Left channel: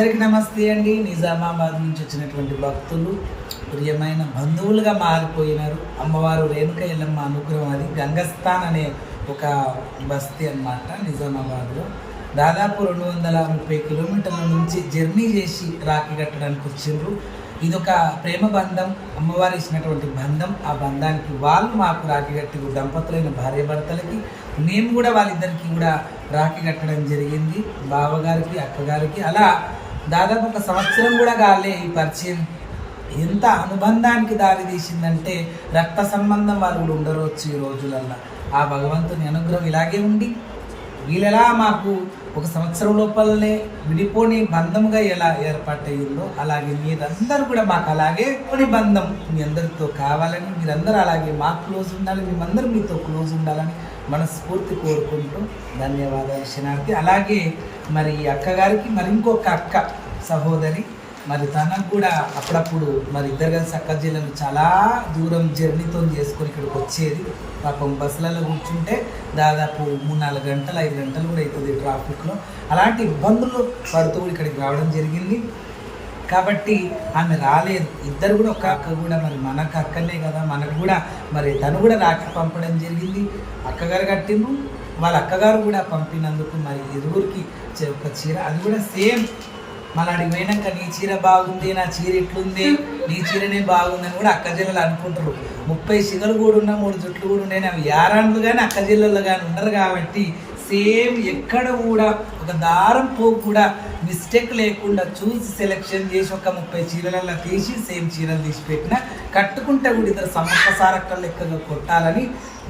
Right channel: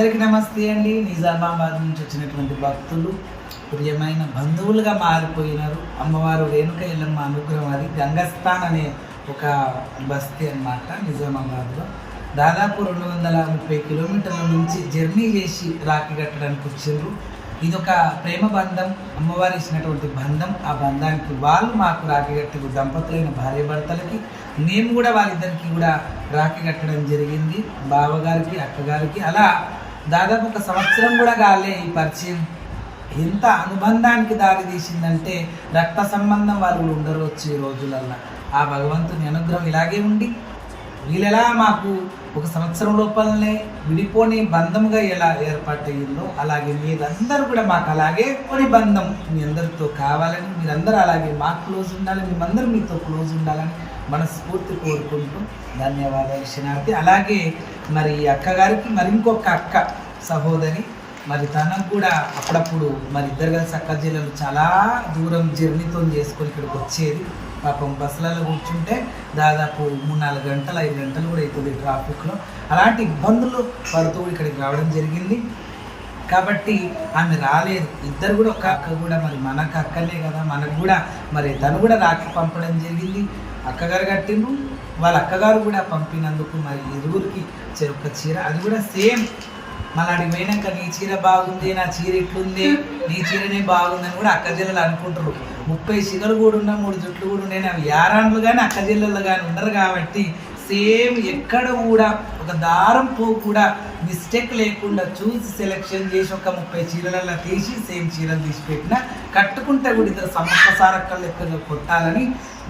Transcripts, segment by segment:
అందరికీ నమస్తే అండి. నిజామాబాద్ నుంచి వచ్చినటువంటి భక్తులు ప్రియమైన బంధువులుగా మారిపోయినారు. అమ్మవారు రేణుక ఎల్లమ్మ అనుగ్రహం. అది గంగస్థాన్ అనే ఒక బస్తీ అన్నమాట నిజామాబాద్లో. దాదాపు 230 కిలోమీటర్ల నుంచి జర్నీ చేసి రాఖీ కట్టడానికి వచ్చిండ్రు. ఇదొక ప్రేమ బంధం, అమ్మవారు ఇచ్చినటువంటి బంధం. ఆ బంధానికి వాళ్ళు మాకు రాఖీ కట్టారు. దంపతులైన భార్య భర్తలకి మేము కూడా వాళ్ళిద్దరికి కూడా రాఖీ కట్టడం జరిగింది. బావగారికి, అక్కగారికి. అలా దాదాపు 1 సంవత్సరం కూడా కాలే ఈ పరిచయం. ఎంత అనుబంధానికి దారి తీసిందంటే రక్త సంబంధం వాళ్ళు ఉండవచ్చు ఈ రోజులల్లో. ఆ భగవంతుని అనుగ్రహం ఇలాగే ఉండి వీళ్ళెలా మాకు 1 సంవత్సరం లోపలనే విడిపోని బంధంగా ఎలా ఏర్పాటయ్యిందో అలాగే మీరందరూ కూడా మాకు అలాగే కొన్ని బంధం మీ అందరితో కావాలని, మీరందరూ అలాగే మాకు క్లోజ్ ఉండాలని, మేమందరూ మీతో క్లోజ్ ఉండాలని మనస్ఫూర్తి కోరుకుంటూ ధన్యవాదాలు శనార్థి. అలాగే మరి అక్కగారికి మరి ఇంకొక అక్క సహోదరి, మరి తనకు కూడా అప్పుడప్పుడు మరి ఇద్దరు కలిసి అక్క జిల్లాలు చాలా దూరం జర్నీతో చేసుకొని ఇక్కడికి వచ్చేది. పాపం బస్సులలో కూర్చుంటే దాదాపు 3-4 గంటలు 5 గంటలు కూడా అవుతుంది ట్రాఫిక్లో. అలాంటి ఇబ్బందులు పడుతూ ఇక్కడికి రావడం జరిగింది. కాబట్టి ఆమె రాలేదు. ఇద్దరు కూడా ఒక అక్క కూడా మరి మనకు అక్కనే కదా, మనకు కూడా మరి తను కూడా రాఖీ పంపడం జరిగింది. అక్కగారు కట్టిండ్రు, వాళ్ళ అక్కగారు కూడా పంపినందుకు మరి ఇరువురికి ఒక చీర, అది కూడా సేమ్. మళ్ళీ అడిగి పోయినాక నీ చీర బాగుంది, నా చీర ఎట్లుంది, నీ చీరనే బాగుందని కూడా అక్క జిల్లలు అనుకుంటారు. 30 సిగలు కూడా ఉన్న 3 జుట్లు కూడా ఉన్నాయి. అవి యారాన్లు కానీ అక్క జిల్లలు కానీ ఉండరు కాబట్టి సేమ్ ఎక్కడ కూడా ఒక దారం పో కూడా మిస్టేక్ లేకుండా చూసి సెలెక్షన్ చేసి ఒక 30 చీరలలో తీసి సేమ్ చీరలు తీసి పెట్టిన కట్టుకుంటే కూడా ఇద్దరు సంవత్సరాల లెక్కగా కొట్టాలని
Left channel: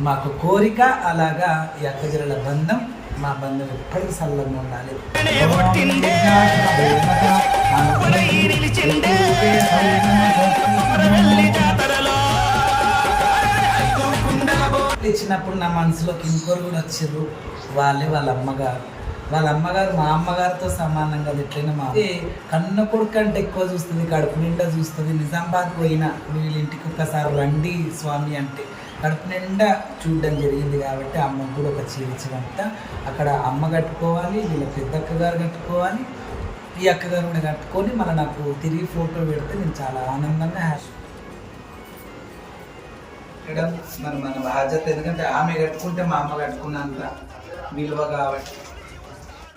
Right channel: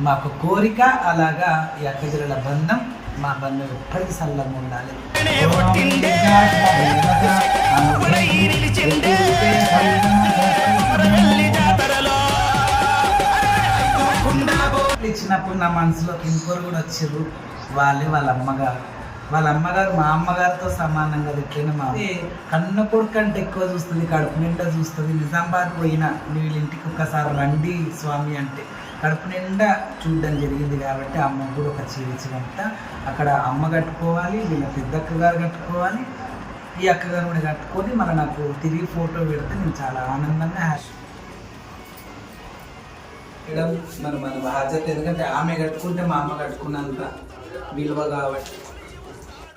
మాకు కోరిక. అలాగా ఈ అక్క జిల్లల బంధం, మా బంధం ఎప్పటికీ సల్లంగా ఉండాలి. ఇచ్చినప్పుడు నా మనసులోకి ఇంకోరు కూడా వచ్చారు. వాళ్ళ అమ్మగారు. వాళ్ళ అమ్మగారు మా అమ్మగారితో సమానంగా పెట్టిన మా కన్న కొడుకు అంటే ఎక్కువ చూస్తుంది, కడుపు నిండా చూస్తుంది. నిజామాబాద్ పోయినా వీళ్ళ ఇంటికి ఒక్కసారి రండి స్వామి అంటే కడుపు నిండా చూడడం జరిగింది. కాబట్టి అమ్మకు కూడా ఒక చేయించినంత అక్కడ అమ్మ కట్టుకోవాలి, వీళ్ళ పెద్ద అక్కగారు కట్టుకోవాలి, ఈ అక్కగారు కూడా కట్టుకొని మళ్ళీ నాకు తిరిగి ఫోటో పెడితే నేను చాలా ఆనందంగా మరి మన బాధ్యత. ఎందుకంటే ఆమె కట్టుకుంటే మా అమ్మ కట్టుకున్నంత విలువ కాబట్టి